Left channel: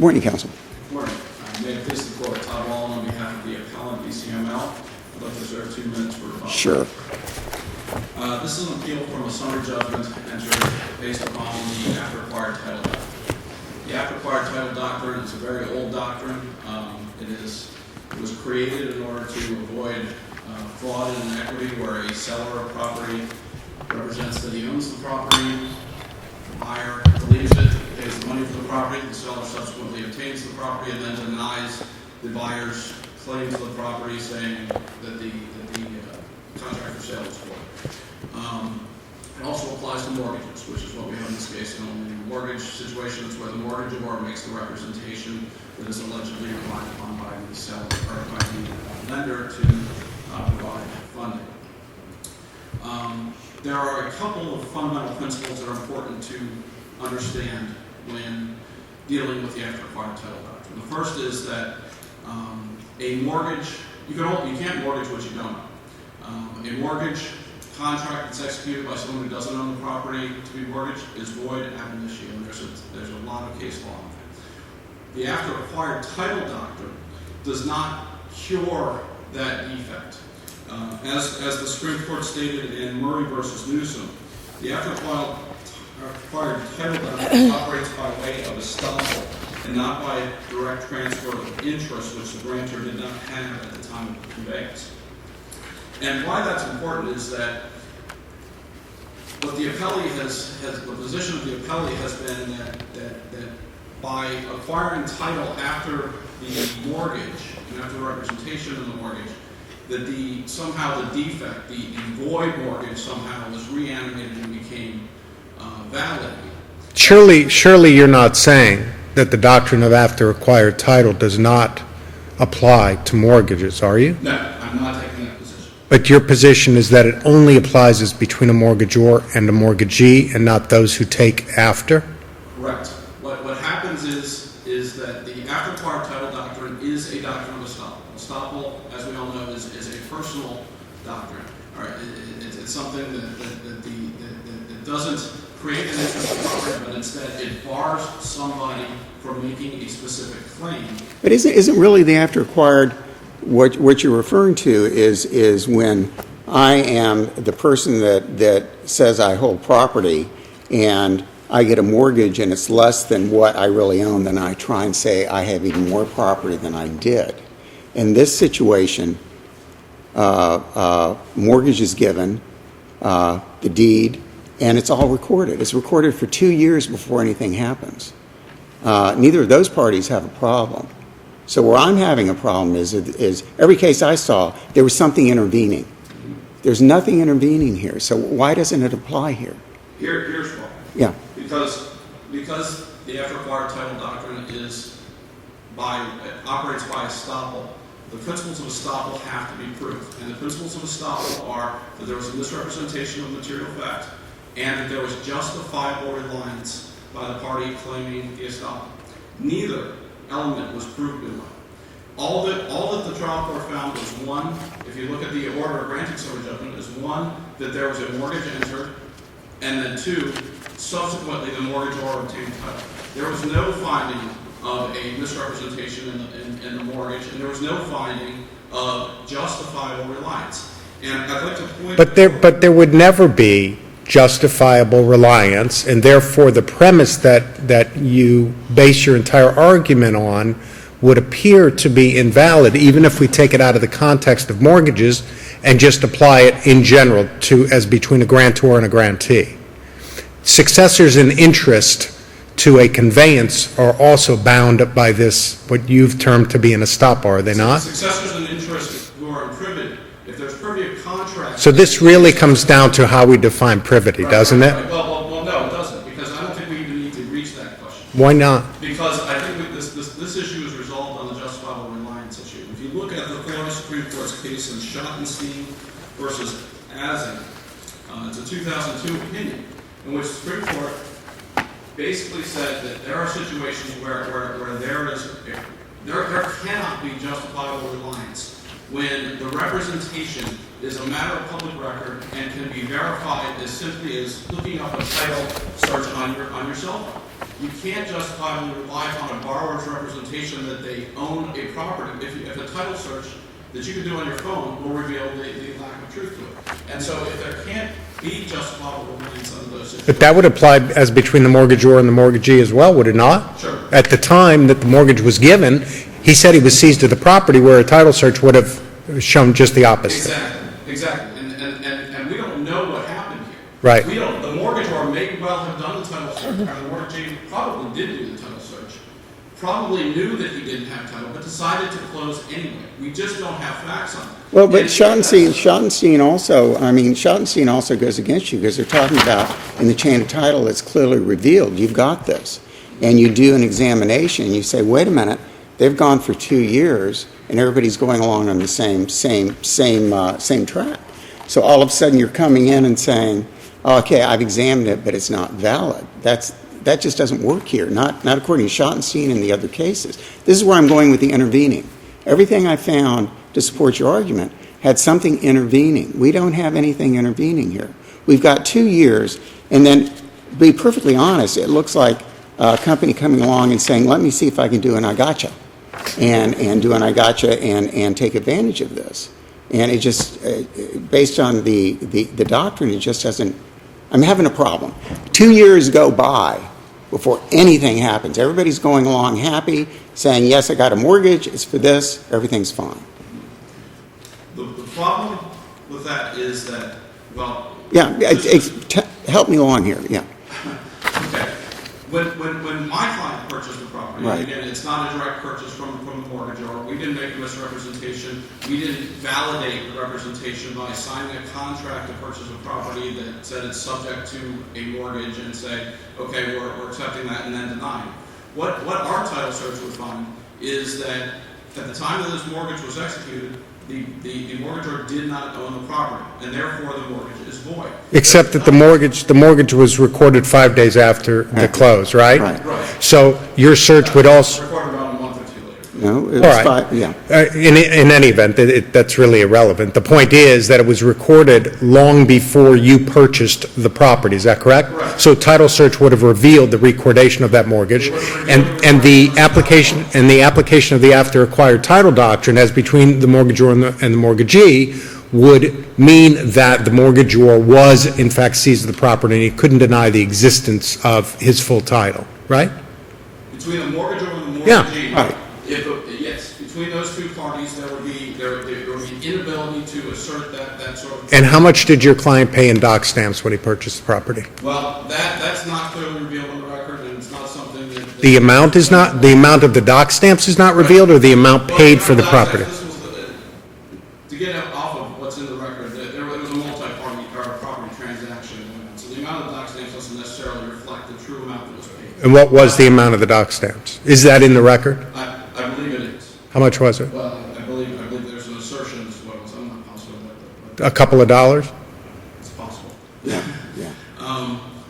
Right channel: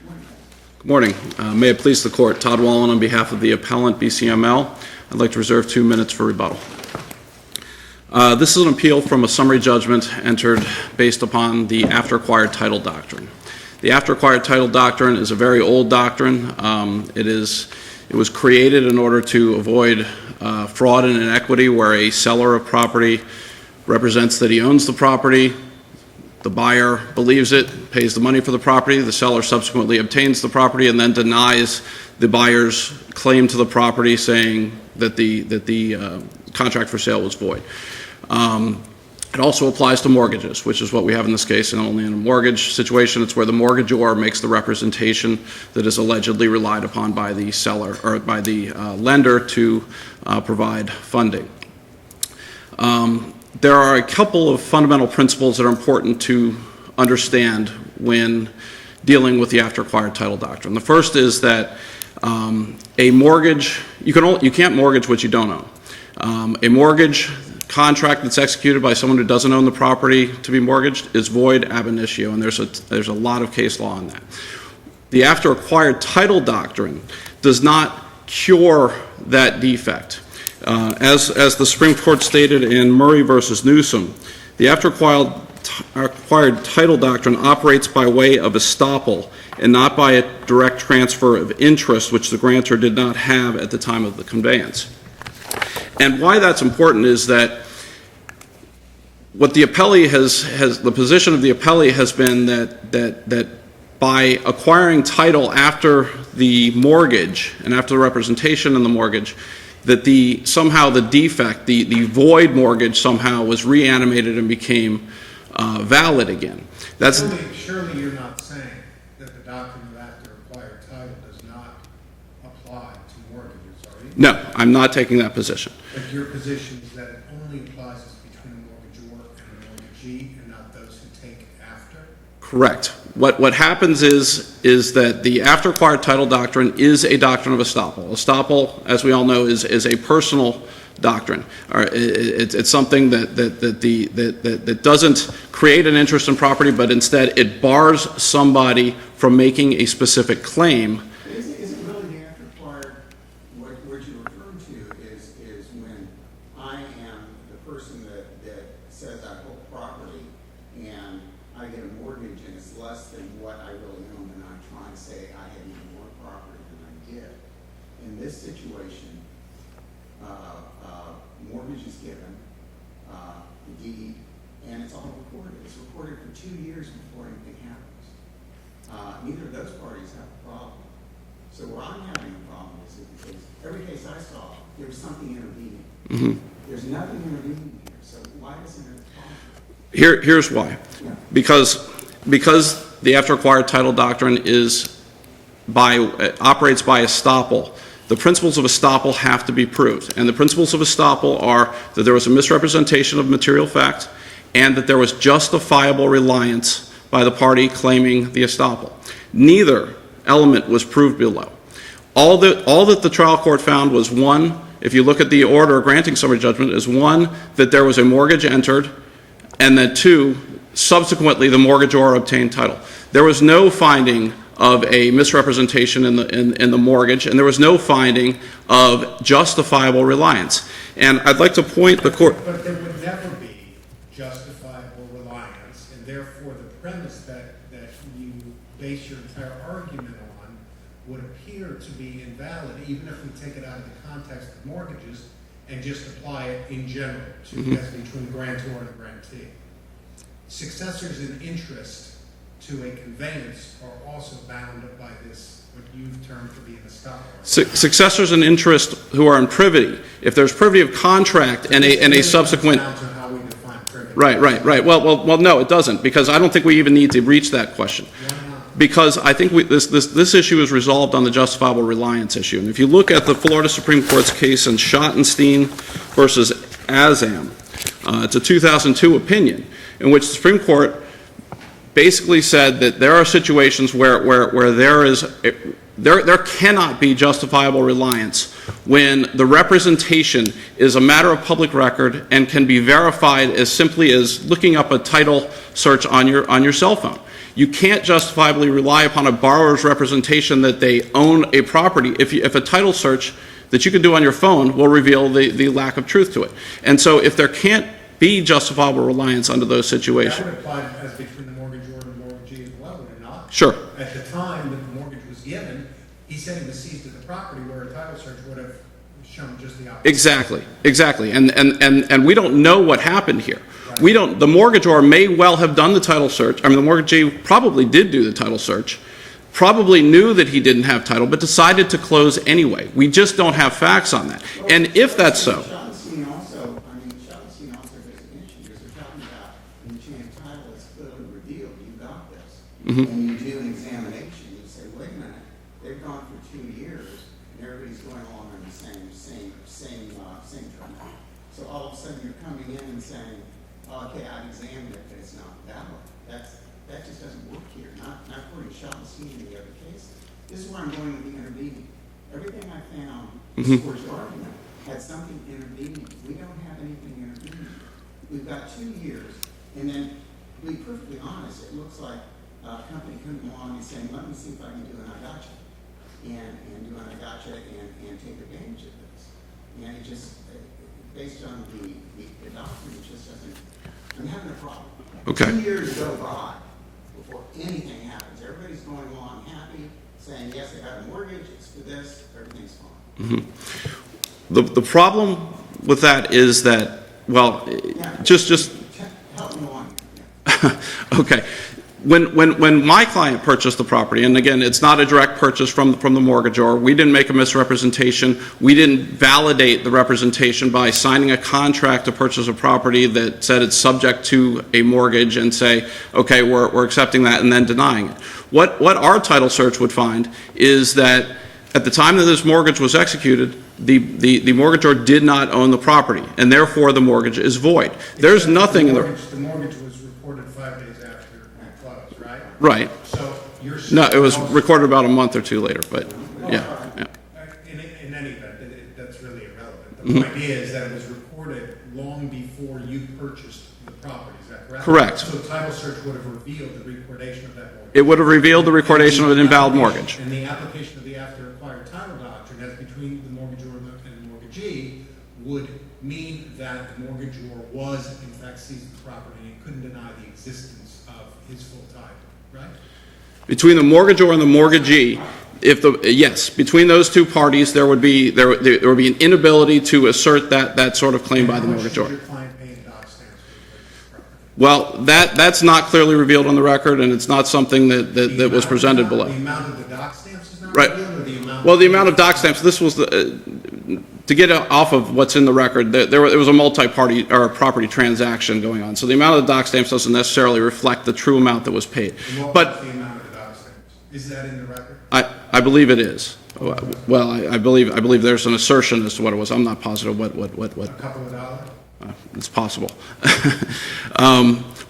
Morning, Counsel. Good morning. May it please the Court. Todd Wallen on behalf of the appellant, BCML. I'd like to reserve 2 minutes for rebuttal. Sure. This is an appeal from a summary judgment entered based upon the after-acquired title doctrine. The after-acquired title doctrine is a very old doctrine. It was created in order to avoid fraud and inequity where a seller of property represents that he owns the property. The buyer believes it, pays the money for the property. The seller subsequently obtains the property and then denies the buyer's claim to the property, saying that the contract for sale was void. It also applies to mortgages, which is what we have in this case, and only in a mortgage situation. It's where the mortgagor makes the representation that is allegedly relied upon by the seller or by the lender to provide funding. There are a couple of fundamental principles that are important to understand when dealing with the after-acquired title doctrine. The first is that a mortgage, you can't mortgage what you don't own. A mortgage contract that's executed by someone who doesn't own the property to be mortgaged is void ab initio, and there's a lot of case law on that. The after-acquired title doctrine does not cure that defect. As the Supreme Court stated in Murray versus Newsom, the after-acquired title doctrine operates by way of estoppel and not by a direct transfer of interest, which the grantor did not have at the time of the conveyance. And why that's important is that what the appellee the position of the appellee has been that by acquiring title after the mortgage and after the representation in the mortgage, that somehow the defect, the void mortgage somehow was reanimated and became valid again. Surely you're not saying that the doctrine of after-acquired title does not apply to mortgages, are you? No, I'm not taking that position. But your position is that it only applies as between a mortgagor and a mortgagee and not those who take after? Correct. What happens is that the after-acquired title doctrine is a doctrine of estoppel. Estoppel, as we all know, is a personal doctrine. It's something that doesn't create an interest in property, but instead it bars somebody from making a specific claim. But isn't really the after-acquired, what you're referring to is when I am the person that says I hold property and I get a mortgage and it's less than what I really own, then I try and say I have even more property than I did. In this situation, mortgage is given, the deed, and it's all recorded. It's recorded for 2 years before anything happens. Neither of those parties have a problem. So where I'm having a problem is every case I saw, there was something intervening. Mm-hmm. There's nothing intervening here. So why doesn't it apply here? Here's why. Yeah. Because the after-acquired title doctrine operates by estoppel. The principles of estoppel have to be proved, and the principles of estoppel are that there was a misrepresentation of material fact and that there was justifiable reliance by the party claiming the estoppel. Neither element was proved below. All that the trial court found was, one, if you look at the order granting summary judgment, is one, that there was a mortgage entered, and that two, subsequently the mortgagor obtained title. There was no finding of a misrepresentation in the mortgage, and there was no finding of justifiable reliance. And I'd like to point but there would never be justifiable reliance, and therefore the premise that you base your entire argument on would appear to be invalid, even if we take it out of the context of mortgages and just apply it in general as between a grantor and a grantee. Successors in interest to a conveyance are also bound by this, what you've termed to be an estoppel, are they not? Successors in interest who are in privity. If there's privity of contract, so this really comes down to how we define privity, doesn't it? Right. Well, no, it doesn't, because I don't think we even need to reach that question. Why not? Because I think this issue is resolved on the justifiable reliance issue. And if you look at the Florida Supreme Court's case in Schottenstein versus Azam, it's a 2002 opinion in which the Supreme Court basically said that there are situations where there cannot be justifiable reliance when the representation is a matter of public record and can be verified as simply as looking up a title search on your cell phone. You can't justifiably rely upon a borrower's representation that they own a property if a title search that you can do on your phone will reveal the lack of truth to it. And so if there can't be justifiable reliance under those situations. But that would apply as between the mortgagor and the mortgagee as well, would it not? Sure. At the time that the mortgage was given, he said he was seized of the property, where a title search would have shown just the opposite. Exactly. And we don't know what happened here. Right. We don't. The mortgagor may well have done the title search. I mean, the mortgagee probably did do the title search, probably knew that he didn't have title, but decided to close anyway. We just don't have facts on that. Well, but and Schottenstein also goes against you, because they're talking about in the chain of title it's clearly revealed you've got this. Mm-hmm. And you do an examination and you say, wait a minute, they've gone for 2 years and everybody's going along on the same track. So all of a sudden you're coming in and saying, oh, okay, I've examined it, but it's not valid. That just doesn't work here, not according to Schottenstein and the other cases. This is where I'm going with the intervening. Everything I found to support your argument had something intervening. We don't have anything intervening here. We've got 2 years, and then, to be perfectly honest, it looks like a company coming along and saying, let me see if I can do an I gotcha, and do an I gotcha and take advantage of this. And it just, based on the doctrine, it just doesn't, I'm having a problem. Okay. 2 years go by before anything happens. Everybody's going along happy, saying, yes, I got a mortgage, it's for this, everything's fine. Mm-hmm. The problem with that is that, well, yeah, help me along here, yeah. Okay. When my client purchased the property, and again, it's not a direct purchase from the mortgagor, we didn't make a misrepresentation. We didn't validate the representation by signing a contract to purchase a property that said it's subject to a mortgage and say, okay, we're accepting that, and then denying it. What our title search would find is that at the time that this mortgage was executed, the mortgagor did not own the property, and therefore the mortgage is void. Except that the mortgage was recorded 5 days after the close, right? Right. So your search would also recorded about a month or two later. But no, it was in any event, that's really irrelevant. The point is that it was recorded long before you purchased the property. Is that correct? Correct. So title search would have revealed the recordation of that mortgage. It would have revealed the recordation of an invalid mortgage. And the application of the after acquired title doctrine as between the mortgagor and the mortgagee would mean that the mortgagor was in fact seized of the property and he couldn't deny the existence of his full title, right? Between the mortgagor and the mortgagee, yeah, right. Yes, between those two parties, there would be an inability to assert that sort of claim. And how much did your client pay in doc stamps when he purchased the property? Well, that's not clearly revealed on the record, and it's not something that the amount is not below. The amount of the doc stamps is not revealed, or the amount paid for the property? Well, the amount of doc stamps. This was to get off of what's in the record, there was a multi-party or property transaction going on. So the amount of the doc stamps doesn't necessarily reflect the true amount that was paid. And what was the amount of the doc stamps? Is that in the record? I believe it is. How much was it? Well, I believe there's an assertion as to what it was. I'm not positive what. A couple of dollars? It's possible.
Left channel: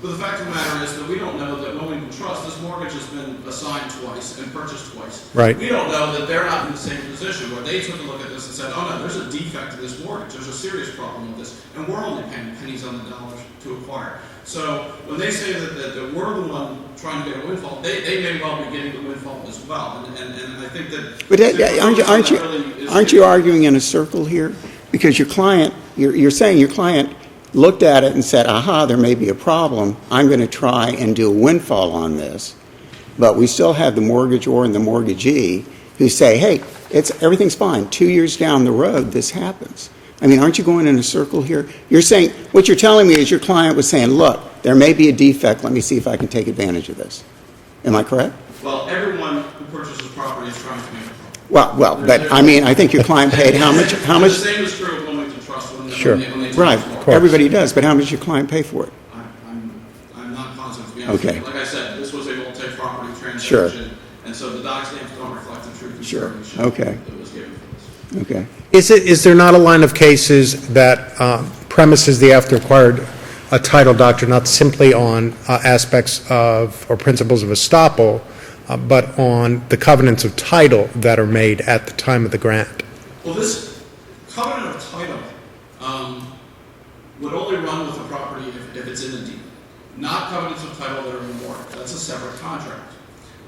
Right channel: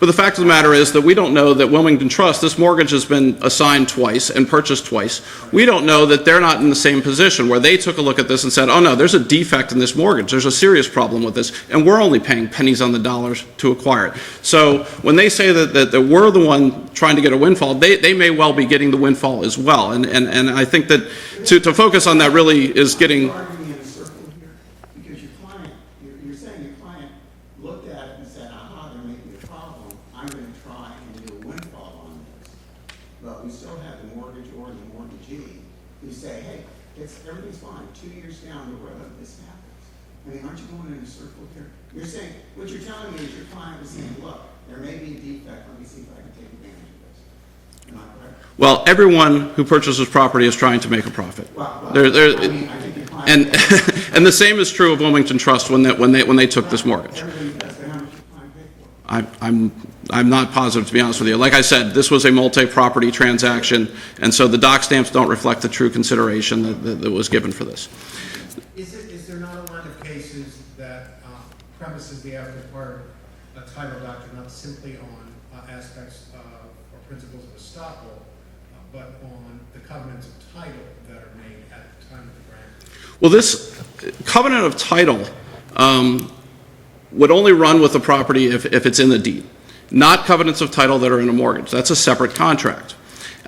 But the fact of the matter is that we don't know that Wilmington Trust, this mortgage has been assigned twice and purchased twice. Right. We don't know that they're not in the same position where they took a look at this and said, oh no, there's a defect in this mortgage. There's a serious problem with this, and we're only paying pennies on the dollars to acquire it. So when they say that we're the one trying to get a windfall, they may well be getting the windfall as well. And I think that to focus on that really is aren't you arguing in a circle here? Because your client, you're saying your client looked at it and said, aha, there may be a problem. I'm going to try and do a windfall on this. But we still have the mortgagor and the mortgagee who say, hey, everything's fine. 2 years down the road, this happens. I mean, aren't you going in a circle here? You're saying, what you're telling me is your client was saying, look, there may be a defect. Let me see if I can take advantage of this. Am I correct? Well, everyone who purchases property is trying to make a profit. Well, I mean, I think your client paid how much? And the same is true of Wilmington Trust when they took this mortgage. Everybody does, but how much did your client pay for it? I'm not positive, to be honest with you. Like I said, this was a multi-property transaction, and so the doc stamps don't reflect the true consideration that was given for this. Okay. Is there not a line of cases that premises the after acquired a title doctrine not simply on aspects of or principles of estoppel, but on the covenants of title that are made at the time of the grant? Well, this covenant of title would only run with the property if it's in the deed. not covenants of title that are in a mortgage. That's a separate contract.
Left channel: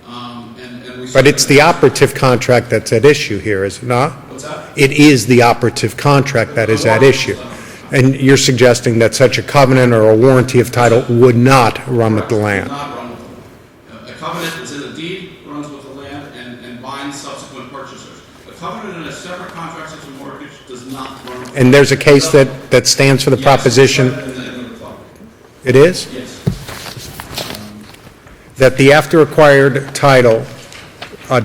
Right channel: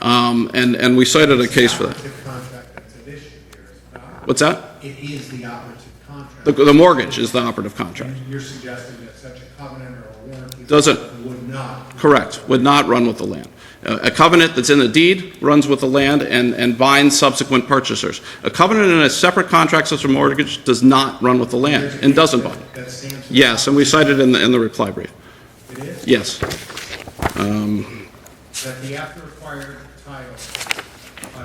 And we But cited it's a the case where- operative contract that's at issue here, is it not? What's that? It is the operative contract that The is at mortgage is issue. the operative contract. And you're suggesting that such a covenant or a warranty of Doesn't- title would not run with Correct, the would land? not run with the land. A covenant that's in the deed runs with the land and binds subsequent purchasers. A covenant in a separate contract such as a mortgage does not run with the land. And there's a case doesn't- that stands for the Yes, and we cited proposition? in the reply brief. It is? Yes. That the after-acquired title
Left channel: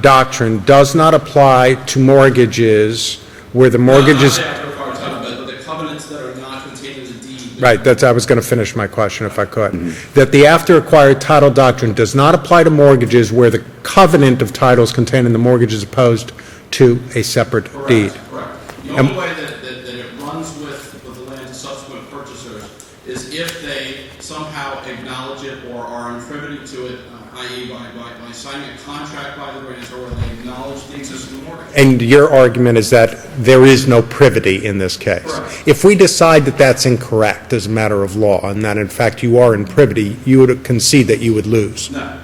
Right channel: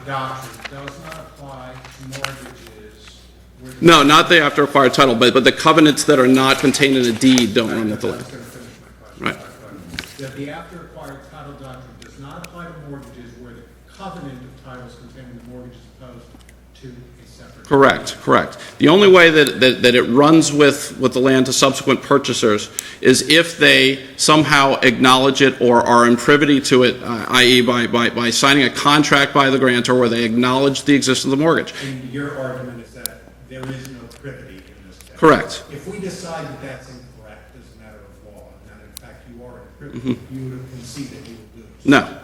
doctrine does not apply to mortgages where the No, mortgage not is... the after acquired title, but the covenants that are not contained in a deed don't. Right, that's, I was going to finish my question if I could. That the after-acquired title doctrine does not apply to mortgages where the covenant of title is contained in the mortgage is opposed to a separate deed. Correct, correct. The only way that it runs with the land to subsequent purchasers is if they somehow acknowledge it or are in privity to it, i.e. by signing a contract by the grantor where they acknowledge the existence of the mortgage. And your argument is that there is no privity in this case? Correct. If we decide that that's incorrect as a matter of law, and that in fact you are in privity, you would concede that you would lose? No.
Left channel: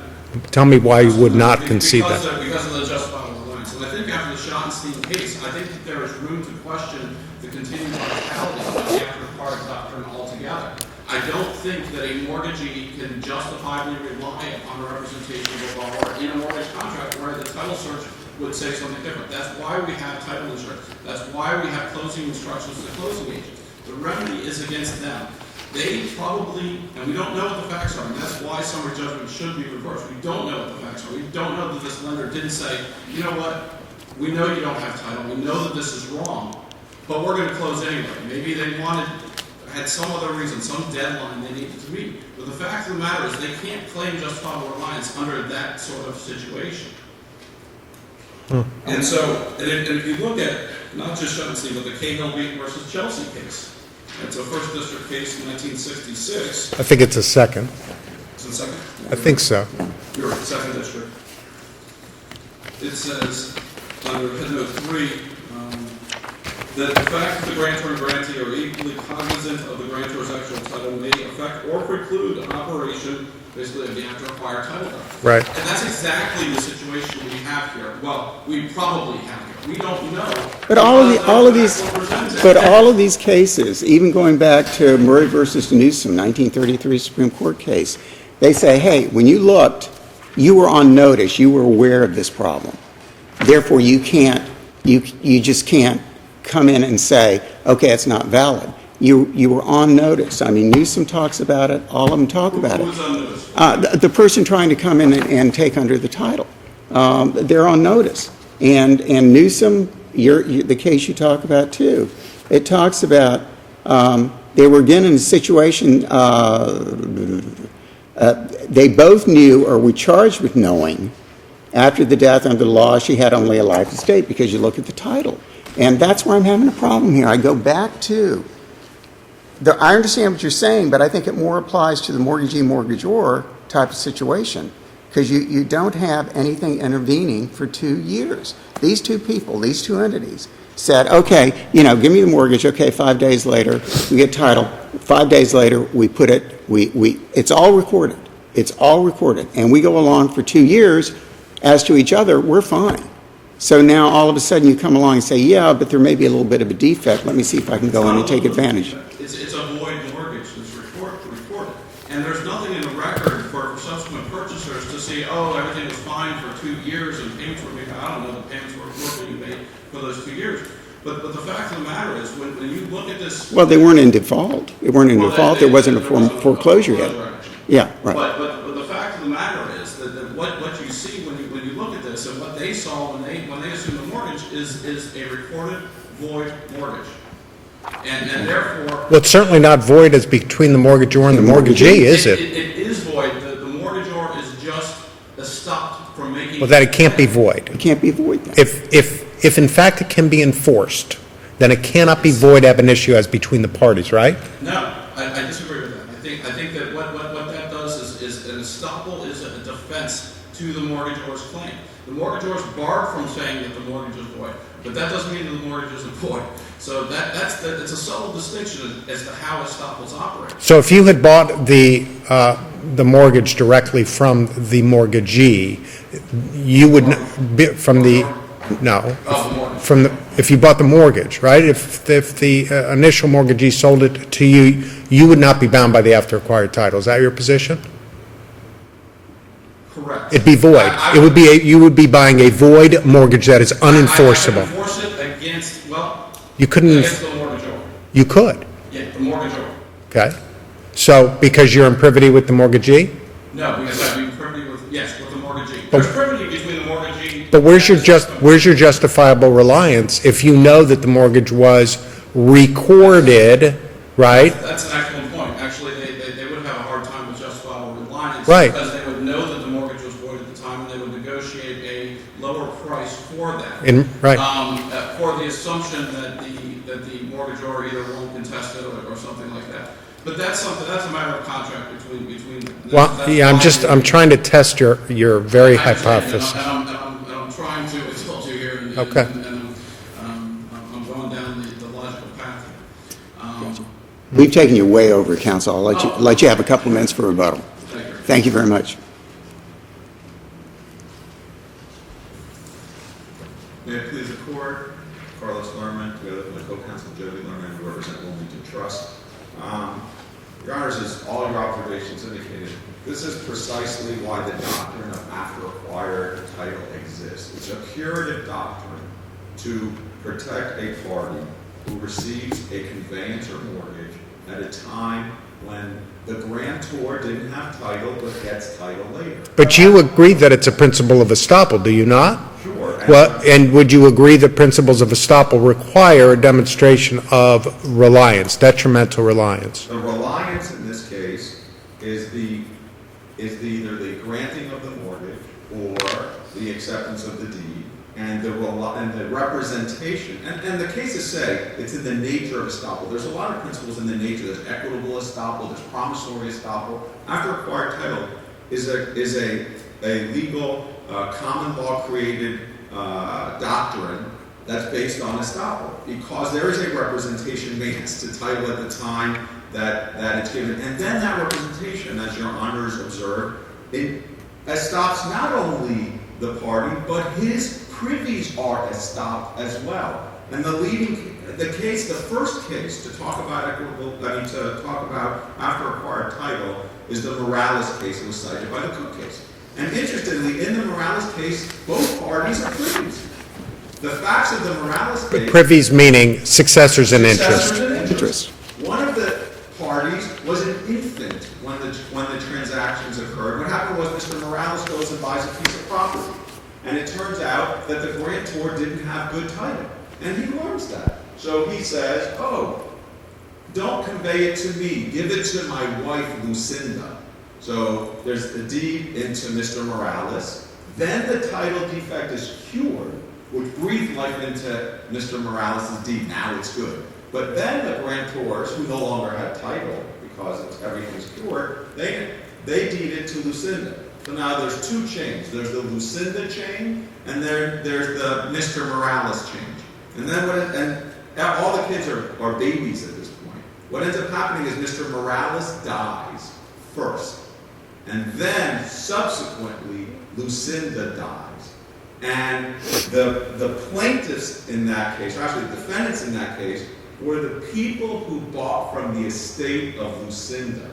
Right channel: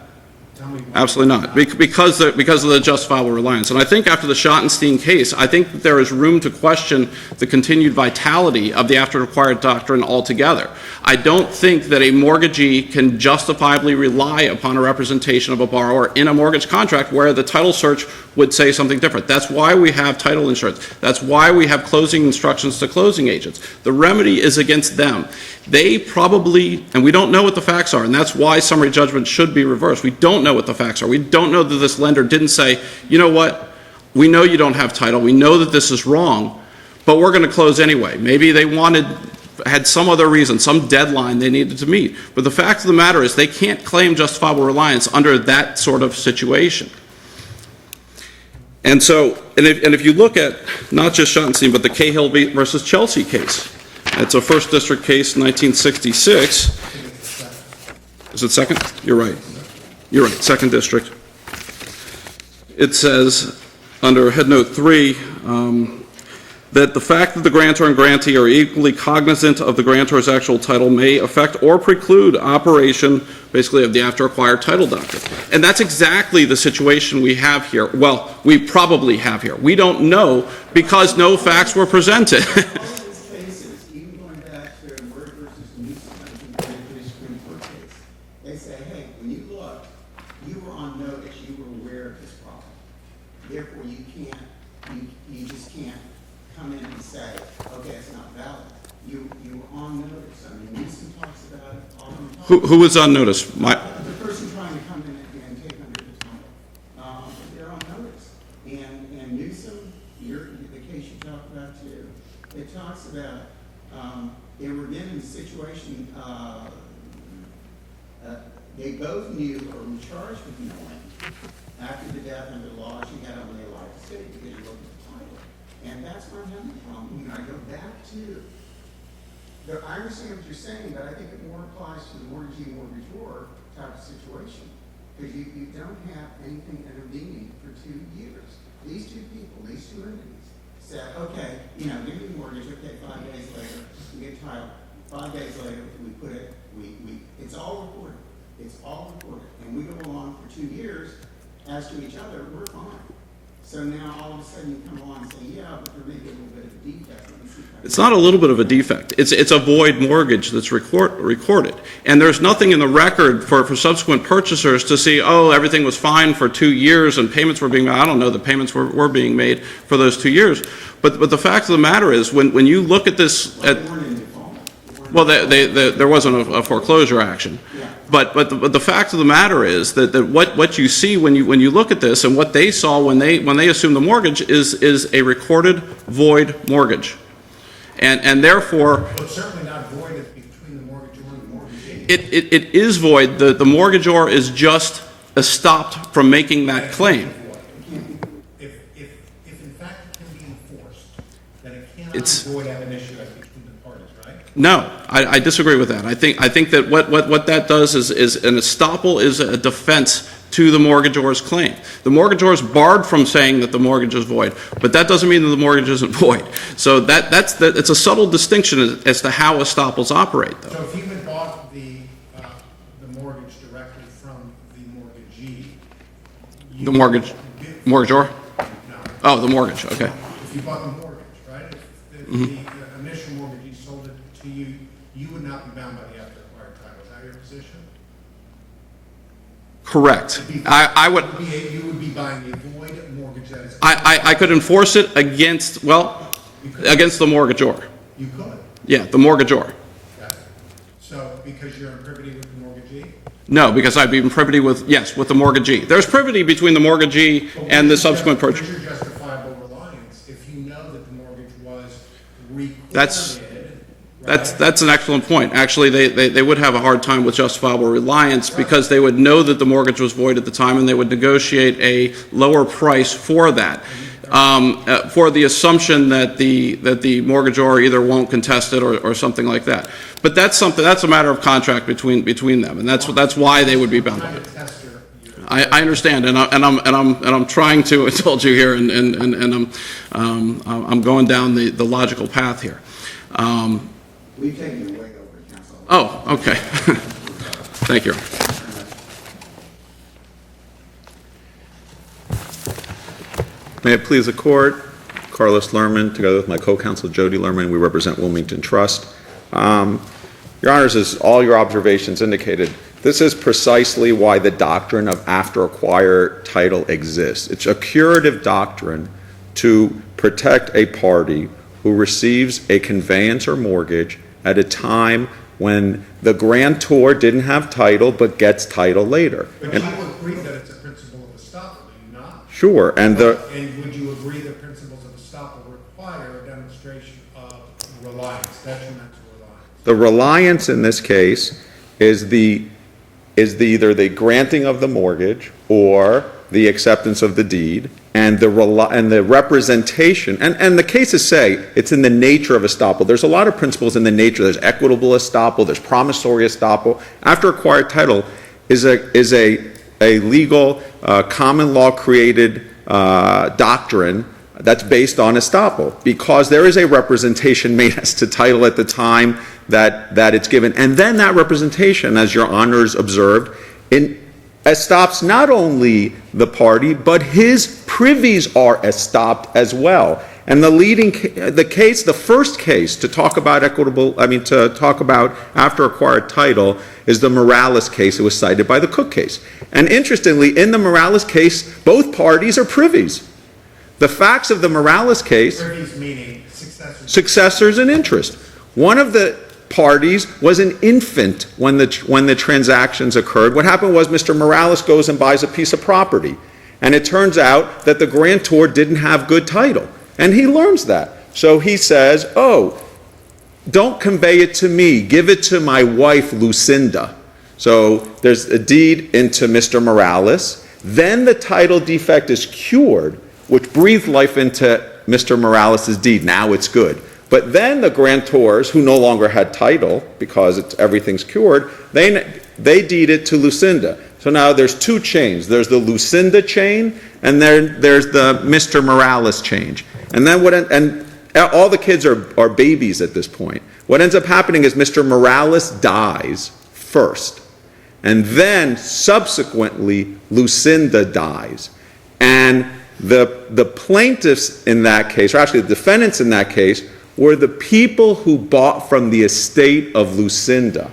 Tell me why you would Absolutely not not. concede that. Because of the justifiable reliance. And I think after the Schottenstein case, I think that there is room to question the continued vitality of the after-acquired doctrine altogether. I don't think that a mortgagee can justifiably rely upon a representation of a borrower in a mortgage contract where the title search would say something different. That's why we have title insurance. That's why we have closing instructions to closing agents. The remedy is against them. They probably, and we don't know what the facts are, and that's why summary judgment should be reversed. We don't know what the facts are. We don't know that this lender didn't say, you know what, we know you don't have title, we know that this is wrong, but we're going to close anyway. Maybe they had some other reason, some deadline they needed to meet. But the fact of the matter is they can't claim justifiable reliance under that sort of situation. And so, and if you look at not just Schottenstein, but the Cahill versus Chelsea case, it's a First District case, 1966. I think it's a second. Is it second? You're right. I think so. You're right, Second District. It says, under Head Note 3, that the fact that the grantor and grantee are equally cognizant of the grantor's actual title may affect or preclude operation, basically, of the after-acquired title doctrine. Right. And that's exactly the situation we have here. Well, we probably have here. We don't know because no facts were presented. But all of these cases, even going back to Murray versus Newsom, 1933 Supreme Court case, they say, hey, when you looked, you were on notice, you were aware of this problem. Therefore, you just can't come in and say, okay, it's not valid. You were on notice. I mean, Newsom talks about it. All of them talk about it. Who was on notice? The person trying to come in and take under the title. They're on notice. And Newsom, the case you talk about too, it talks about they were again in a situation, they both knew or were charged with knowing after the death under the law she had only a life estate because you look at the title. And that's where I'm having a problem here. I go back to, I understand what you're saying, but I think it more applies to the mortgagee-mortgagor type of situation because you don't have anything intervening for 2 years. These two people, these two entities said, okay, give me the mortgage. Okay, 5 days later, we get title. 5 days later, we put it, it's all recorded. It's all recorded. And we go along for 2 years. As to each other, we're fine. So now all of a sudden you come along and say, yeah, but there may be a little bit of a defect. Let me see if I can It's go not a and little take bit of a advantage. defect. It's a void mortgage that's recorded. And there's nothing in the record for subsequent purchasers to see, oh, everything was fine for 2 years and payments were being made. I don't know, the payments were being made for those 2 years. But the fact of the matter is, when you look at this... Well, they weren't in default. They weren't in default. There wasn't a foreclosure action. Yeah, right. But the fact of the matter is that what you see when you look at this and what they saw when they assumed the mortgage is a recorded void mortgage. And therefore... Well, it's certainly not void as between the mortgagor and the mortgagee, is it? It is void. The mortgagor is just stopped from making Well, that that it can't claim. be void. It can't be void then. If in fact it can be enforced, then it cannot be void ab initio as between the parties, right? No, I disagree with that. I think that what that does is an estoppel is a defense to the mortgagor's claim. The mortgagor is barred from saying that the mortgage is void, but that doesn't mean that the mortgage isn't void. So it's a subtle distinction as to how estoppels operate. So if you had bought the mortgage directly from the mortgagee, you The would mortgage? be from Mortgagor? no. Oh, the mortgage. From if you bought the mortgage, right? If the initial mortgagee sold it to you, you would not be bound by the after acquired title. Is that your position? Correct. It'd be void. I It would be you would be buying a void mortgage that is unenforceable. I could enforce it against, well, You couldn't. against the mortgagor. You could. Yeah, the mortgagor. Okay. So because you're in privity with the mortgagee. No, because I'd be in privity with the mortgagee. There's privity between the mortgagee But and the subsequent person. where's your justifiable reliance if you know that the mortgage was recorded, right? That's an excellent point. Actually, they would have a hard time with justifiable reliance Right. because they would know that the mortgage was void at the time and they would negotiate a lower price for that. Right. For the assumption that the mortgagor either won't contest it or something like that. But that's a matter of contract between them, and that's why they would be I'm done. trying to test your very I understand, hypothesis. and I'm trying to. I told you here, and Okay. I'm going down the logical path here. We've taken you way over, counsel. I'll let you have a couple minutes for rebuttal. Thank you. Thank you very much. May it please the court, Carlos Lerman, together with my co-counsel Jody Lerman, we represent Wilmington Trust. Your Honors, as all your observations indicated, this is precisely why the doctrine of after acquired title exists. It's a curative doctrine to protect a party who receives a conveyance or mortgage at a time when the grantor didn't have title but gets title later. But you agree that it's a principle of estoppel, do you not? Sure. And would you agree that principles of estoppel require a demonstration of reliance, detrimental reliance? The reliance in this case is either the granting of the mortgage or the acceptance of the deed, and the representation, and the cases say it's in the nature of estoppel. There's a lot of principles in the nature. There's equitable estoppel, there's promissory estoppel. After acquired title is a legal common law created doctrine that's based on estoppel, because there is a representation made as to title at the time that it's given, and then that representation, as your Honors observed, estops not only the party, but his privies are estopped as well. And the first case to talk about after acquired title is the Morales case. It was cited by the Cook case. And interestingly, in the Morales case, both parties are privies. The facts of the Morales case. Privies meaning successors in interest. Successors in interest. One of the parties was an infant when the transactions occurred. What happened was Mr. Morales goes and buys a piece of property, and it turns out that the grantor didn't have good title, and he learns that. So he says, "Oh, don't convey it to me, give it to my wife Lucinda." So there's a deed into Mr. Morales, then the title defect is cured, which breathed life into Mr. Morales' deed. Now it's good. But then the grantors, who no longer had title because everything's cured, they deed it to Lucinda. So now there's two chains. There's the Lucinda chain, and there's the Mr. Morales chain. And then all the kids are babies at this point. What ends up happening is Mr. Morales dies first, and then subsequently Lucinda dies. And the plaintiffs in that case, or actually the defendants in that case, were the people who bought from the estate of Lucinda.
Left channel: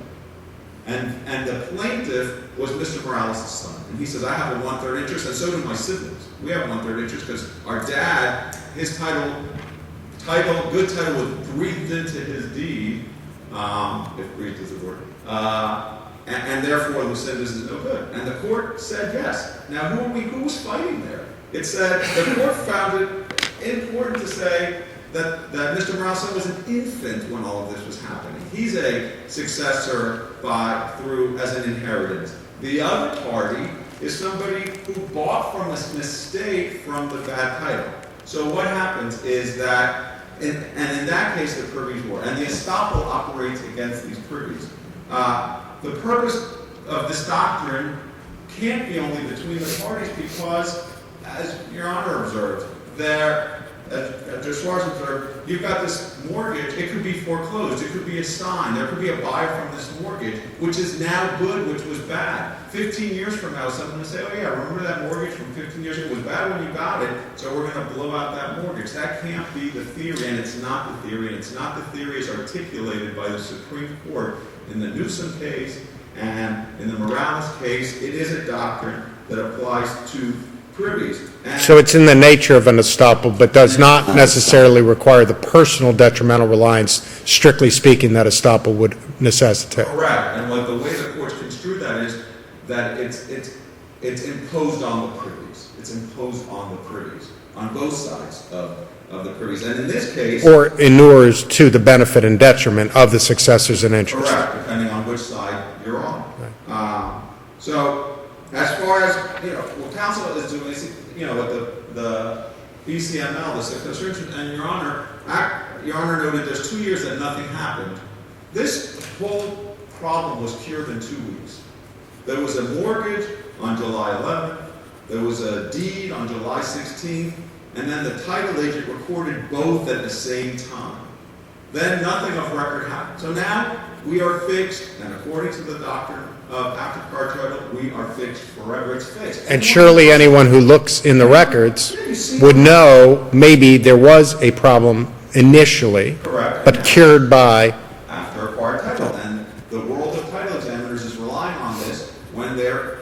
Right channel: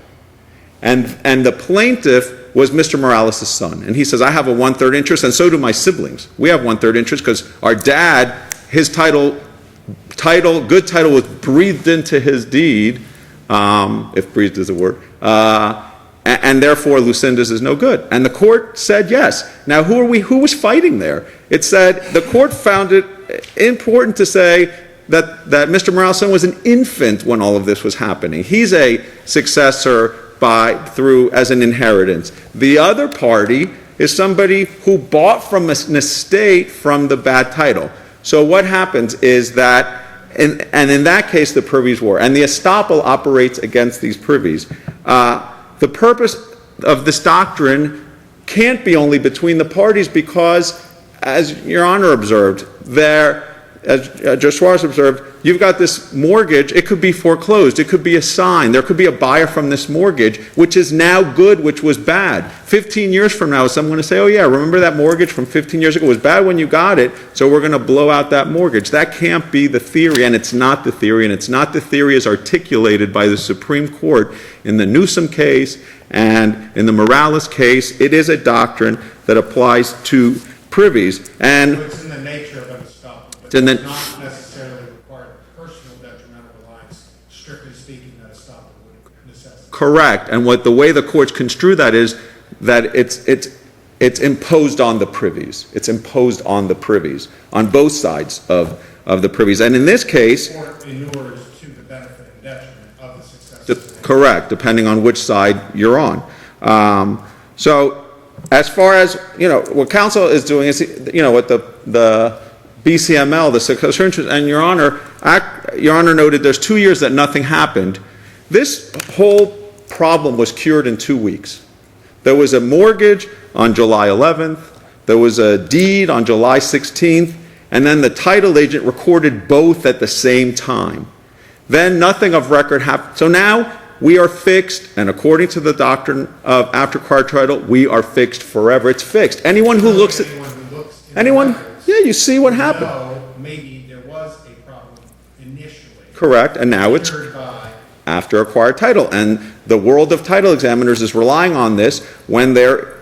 And the plaintiff was Mr. Morales' son. And he says, I have a 1/3 interest, and so do my siblings. We have 1/3 interest because our dad, his good title was breathed into his deed, if breathed is a word, and therefore Lucinda's is no good. And the court said yes. Now who was fighting there? It said, the court found it important to say that Mr. Morales' son was an infant when all of this was happening. He's a successor as an inheritance. The other party is somebody who bought from an estate from the bad title. So what happens is that, and in that case the privies were, and the estoppel operates against these privies. The purpose of this doctrine can't be only between the parties because, as Your Honor observed, as Judge Suarez observed, you've got this mortgage, it could be foreclosed, it could be assigned, there could be a buyer from this mortgage, which is now good, which was bad. 15 years from now, someone going to say, oh yeah, remember that mortgage from 15 years ago? It was bad when you got it, so we're going to blow out that mortgage. That can't be the theory, and it's not the theory, and it's not the theory as articulated by the Supreme Court in the Newsom case and in the Morales case. It is a doctrine that applies to privies. And so it's in the nature of an estoppel, but does not necessarily require the personal detrimental reliance, strictly speaking, that estoppel would necessitate. Correct. And the way the courts construe that is that it's imposed on the privies. It's imposed on the privies, on both sides of the privies. And in this case... Or inures to the benefit and detriment of the successors in interest. Correct, depending on which side you're on. So as far as, what counsel is doing is, what the BCML, the successor interest, and Your Honor noted there's 2 years that nothing happened. This whole problem was cured in 2 weeks. There was a mortgage on July 11th, there was a deed on July 16th, and then the title agent recorded both at the same time. Then nothing of record happened. So now we are fixed, and according to the doctrine of after-acquired title, we are fixed forever. It's fixed. Anyone who looks in the records would know maybe there was a problem initially. Correct. And now cured by after-acquired title. And the world of title examiners is relying on this when they're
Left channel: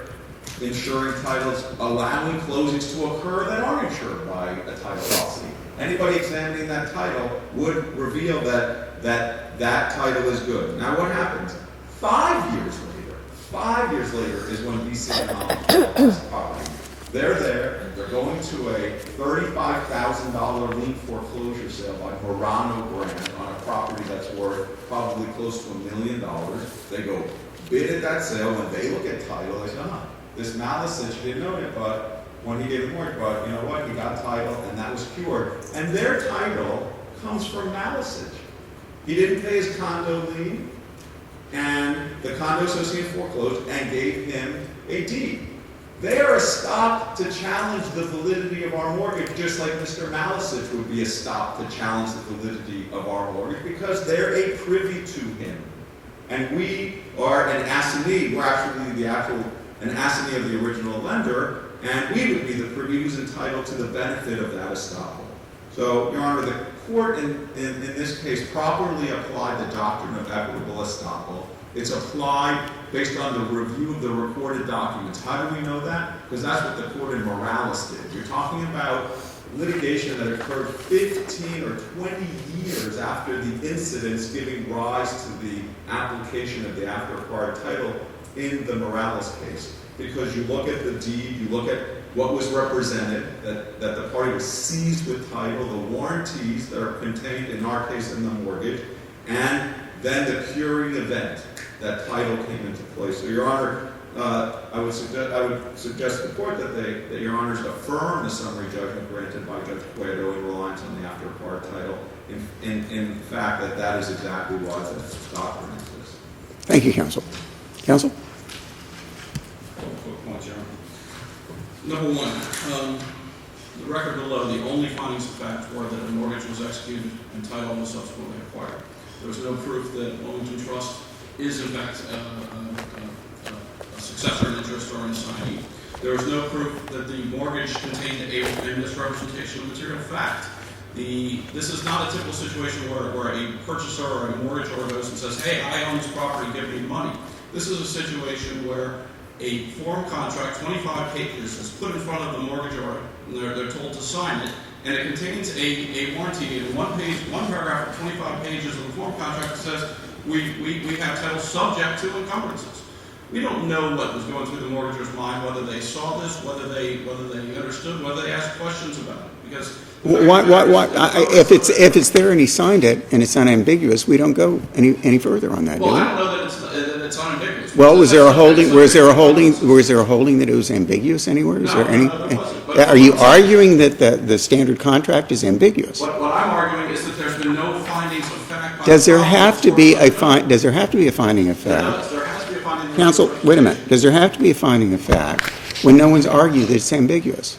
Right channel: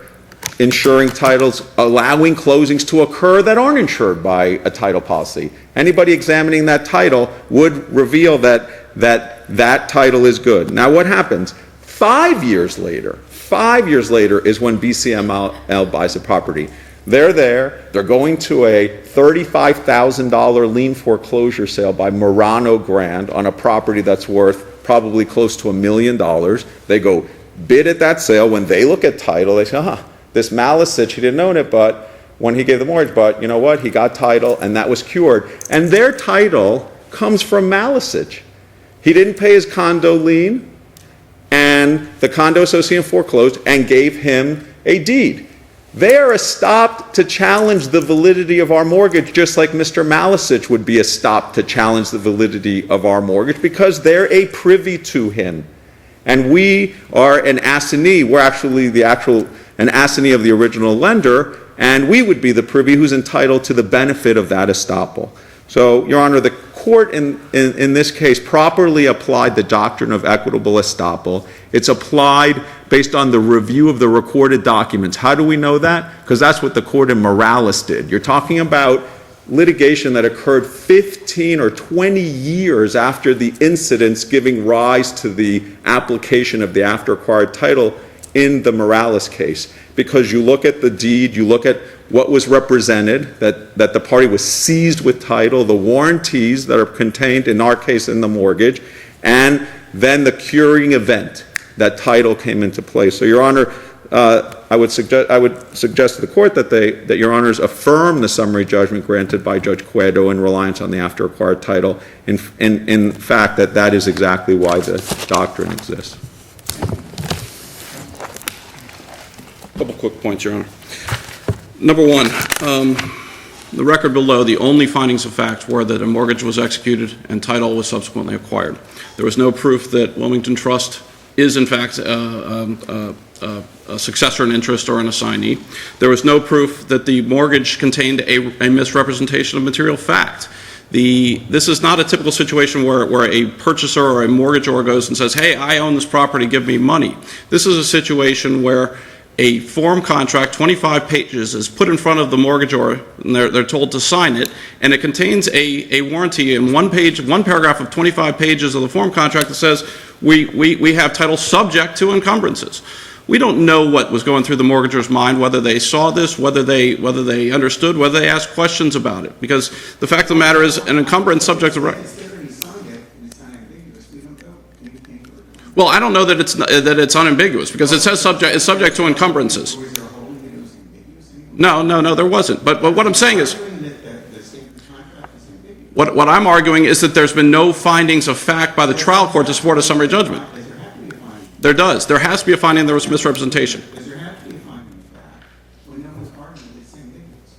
insuring titles, allowing closings to occur that aren't insured by a title policy. Anybody examining that title would reveal that title is good. Now what happens? 5 years later is when BCML buys a property. They're going to a $35,000 lien foreclosure sale by Murano Grand on a property that's worth probably close to $1 million. They go bid at that sale. When they look at title, they say, this Malicic, he didn't own it, but when he gave the mortgage, but you know what? He got title, and that was cured. And their title comes from Malicic. He didn't pay his condo lien, and the condo association foreclosed and gave him a deed. They are estopped to challenge the validity of our mortgage, just like Mr. Malicic would be estopped to challenge the validity of our mortgage, because they're a privy to him. And we are an assignee. We're actually an assignee of the original lender, and we would be the privy who's entitled to the benefit of that estoppel. So, Your Honor, the court in this case properly applied the doctrine of equitable estoppel. It's applied based on the review of the recorded documents. How do we know that? Because that's what the court in Morales did. You're talking about litigation that occurred 15 or 20 years after the incidents giving rise to the application of the after-acquired title in the Morales case. Because you look at the deed, you look at what was represented, that the party was seized with title, the warranties that are contained, in our case, in the mortgage, and then the curing event, that title came into play. So, Your Honor, I would suggest to the court that Your Honors affirm the summary judgment granted by Judge Cueto in reliance on the after-acquired title. In fact, that is exactly why the doctrine exists. Thank you, counsel. Counsel? A couple quick points, Your Honor. Number one, the record below, the only findings of fact were that a mortgage was executed and title was subsequently acquired. There was no proof that Wilmington Trust is, in fact, a successor in interest or an assignee. There was no proof that the mortgage contained a misrepresentation of material fact. This is not a typical situation where a purchaser or a mortgagor goes and says, hey, I own this property, give me money. This is a situation where a form contract, 25 pages, is put in front of the mortgagor, and they're told to sign it, and it contains a warranty in one paragraph of 25 pages of the form contract that says we have title subject to encumbrances. We don't know what was going through the mortgagor's mind, whether they saw this, whether they understood, whether they asked questions about it. Because the fact of the matter is, an encumbrance subject to... If it's there and he signed it and it's unambiguous, we don't go any further on that. Well, I don't know that it's unambiguous, because it says subject to encumbrances. Was there a holding that it was ambiguous anywhere? No, there wasn't. But are what you I'm saying arguing that the standard contract is ambiguous? What I'm arguing is that there's been no findings of fact by the trial court to support a summary judgment. Does there have to be a finding of fact? There does. There has to be a finding there was a misrepresentation. Does there have to be a finding of fact when no one's argued that it's ambiguous?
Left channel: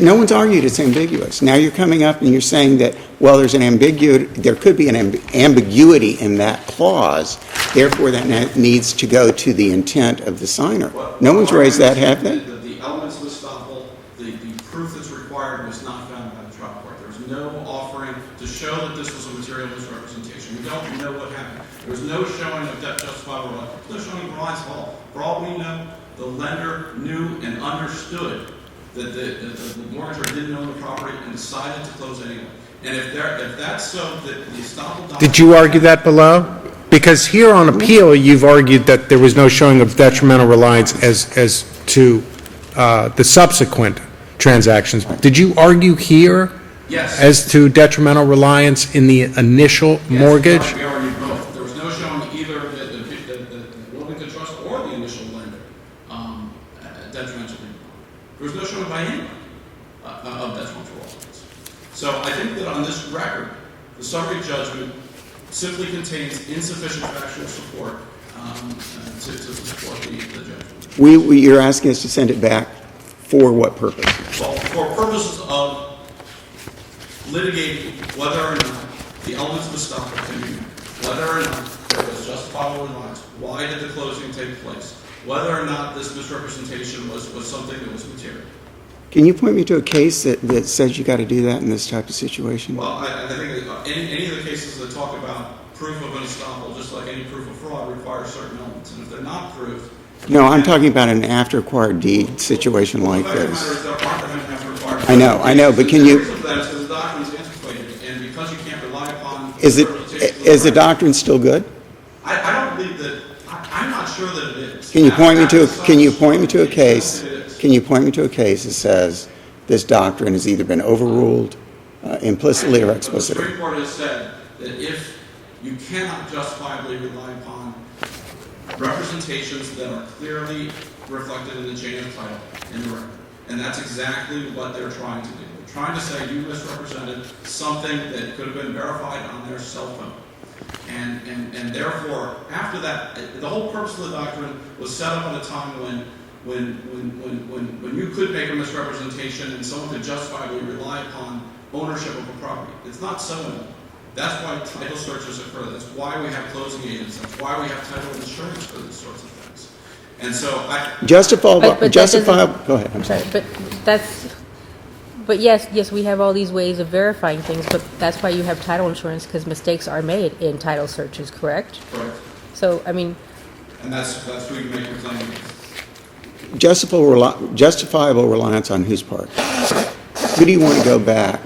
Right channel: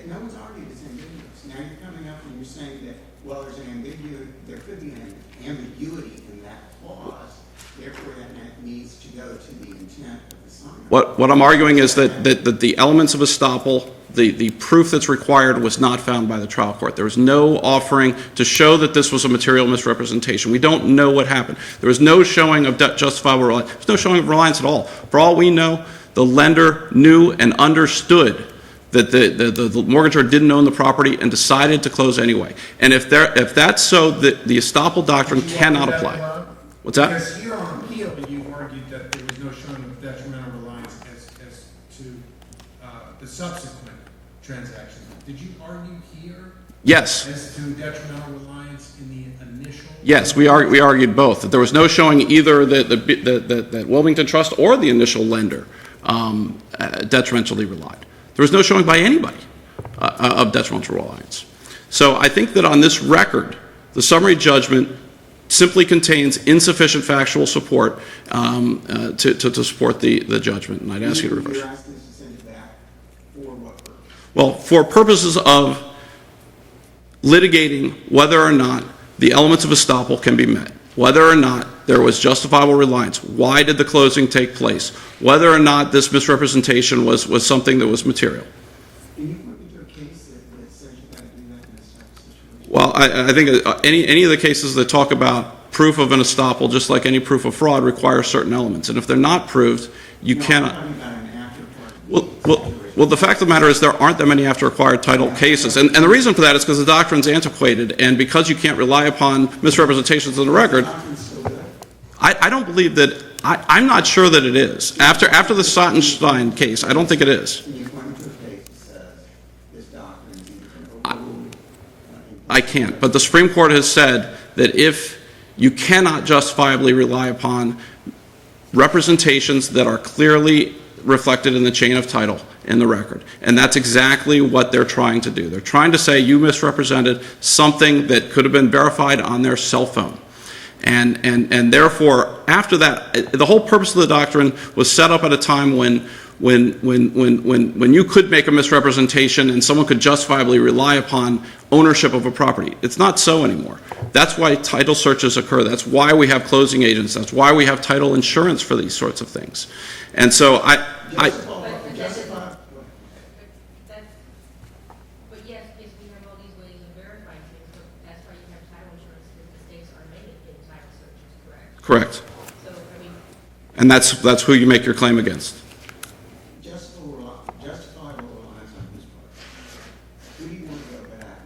No one's argued it's ambiguous. Now you're coming up and you're saying that, well, there could be an ambiguity in that clause, therefore that needs to go to the intent of the signer. What No I'm one's arguing raised is that that the elements of estoppel, the proof that's required was not found by the trial court. There was no offering to show that this was a material misrepresentation. We don't know what happened. There was no showing of justifiable reliance. There was no showing of reliance at all. For all we know, the lender knew and understood that the mortgagor didn't own the property and decided to close anyway. And if that's so, the estoppel doctrine Did you argue cannot that apply. below? Because here on appeal, you've argued that there was no showing of detrimental reliance as to the subsequent transactions. Did you argue here Yes. as to detrimental reliance in the initial Yes, mortgage? we argued both. That there was no showing either that Wilmington Trust or the initial lender detrimentally relied. There was no showing by anybody of detrimental reliance. So I think that on this record, the summary judgment simply contains insufficient factual support to support the judgment. And I don't see- You're asking us to send it back for what purpose? Well, for purposes of litigating whether or not the elements of estoppel can be met, whether or not there was justifiable reliance, why did the closing take place, whether or not this misrepresentation was something that was material. Can you point me to a case that says you got to do that in this type of situation? Well, I think any of the cases that talk about proof of an estoppel, just like any proof of fraud, require certain elements. And if they're not proved, you No, cannot. I'm talking about an after-acquired deed situation. Well, the like fact of the this. matter is there aren't that many after-acquired title I know, cases. but And can the you- reason for that is because the doctrine's antiquated, and because you can't rely upon misrepresentations of the Is record. the doctrine still good? I don't believe that. I'm not sure that it is. Can you point me After to the a- can you point me Stein to a case, I don't think it is. Can you point me to a case that says this doctrine has either been overruled I implicitly or can't. But the explicitly? Supreme Court has said that if you cannot justifiably rely upon representations that are clearly reflected in the chain of title in the record, and that's exactly what they're trying to do. They're trying to say you misrepresented something that could have been verified on their cell phone. And therefore, after that, the whole purpose of the doctrine was set up at a time when you could make a misrepresentation and someone could justifiably rely upon ownership of a property. It's not so anymore. That's why title searches occur. That's why we have closing agents. That's why we have title insurance for these sorts of things. And so Justifiable, But that justifiable, doesn't- go ahead. I'm sorry, but yes, we have all these ways of verifying things, but that's why you have title insurance, because mistakes are made in title searches, correct? correct. So, I mean, And that's who you make your claim against. Justifiable reliance on whose part? Who do you want to go back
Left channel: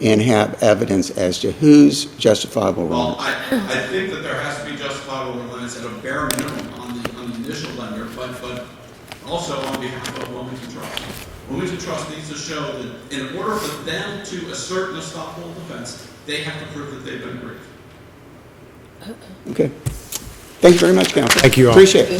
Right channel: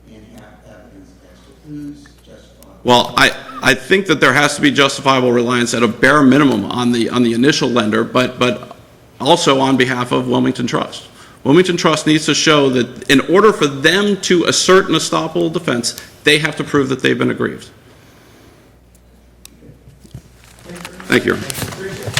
and have evidence as to whose justifiable Well, reliance? I think that there has to be justifiable reliance at a bare minimum on the initial lender, but also on behalf of Wilmington Trust. Wilmington Trust needs to show that in order for them to assert an estoppel defense, they have to prove that they've been aggrieved. Okay. Thank you very much, Thank you. Counsel. Thank you all. Appreciate it.